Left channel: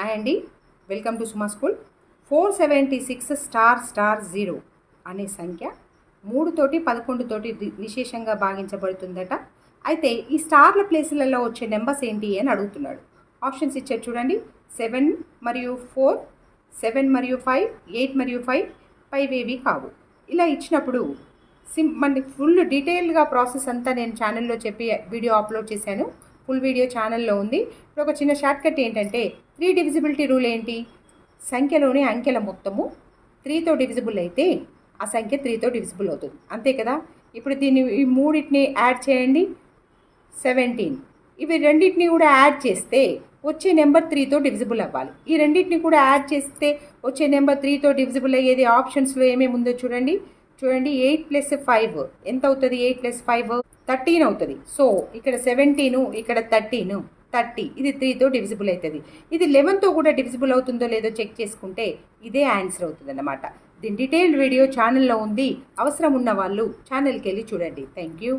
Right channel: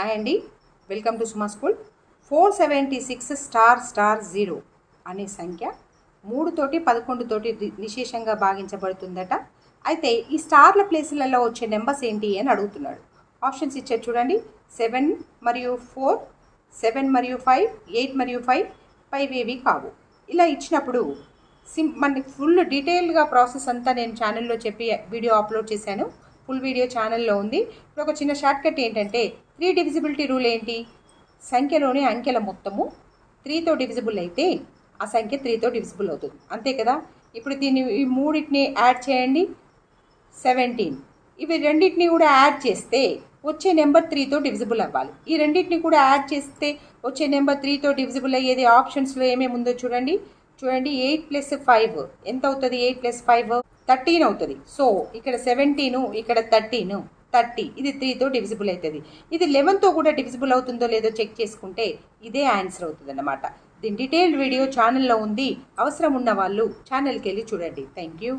Hi అండి, welcome to Suma school. 476 star star 0 అనే సంఖ్య 3 తోటి 11 తోటి విశేషంగా భాగించబడుతుందట. అయితే ఈ స్టార్ల ప్లేసులలో వచ్చే నెంబర్స్ ఏంటి అని అడుగుతున్నాడు. ఆప్షన్స్ ఇచ్చారు చూడండి. 7 మరియు 4, 7 మరియు 5, 8 మరియు 5 పైవేవి కావు. ఇలా ఇచ్చినప్పుడు మనకి ఫుల్ డీటెయిల్గా ప్రాసెస్ అంతా నేను ఛానల్లో చెప్పి వీడియో అప్లోడ్ చేశాను. ఫుల్ వీడియో ఛానల్లో ఉంది. ఇప్పుడు ఒక చిన్న షార్ట్ కట్ ఏంటంటే 3 డివిజిబిలిటీ రూల్ ఏంటి? సంఖ్యలోని అంకెల మొత్తము 3తో డివిజిబుల్ అయితే ఆ సంఖ్య 3తో డివిజిబుల్ అవుతుంది, అంతే కదా. ఇప్పుడు దీన్ని ఈ మూడింటిని యాడ్ చేయండి, 17. ఇవి రెండింటిని కూడా యాడ్ చేస్తే వచ్చే నెంబర్ 3తో డివిజిబుల్ అవ్వాలి. ఈ రెండింటిని కూడా యాడ్ చేస్తే వచ్చే నెంబర్ 3తో డివిజిబుల్ అయ్యేది ఆప్షన్స్లో ఏమేమి ఉందో చూడండి. 8 + 5 ఎంత అవుతుంది? 8 + 5 13 అవుతుంది. సో ఇక్కడ 17, ఇక్కడ 30. ఇది 3తో డివిజిబుల్ అవుతుంది. ఇది 11తో కూడా డివిజిబుల్ అవుతుందో లేదో చెక్ చేసుకుంటే ఇదే ఆన్సర్ అవుతుంది అన్నమాట. దీని డీటెయిల్డ్ వీడియో ఛానల్లో ఉంది. అవసరం ఉన్న వాళ్ళు ఛానల్కి వెళ్ళి చూడండి. Thank you.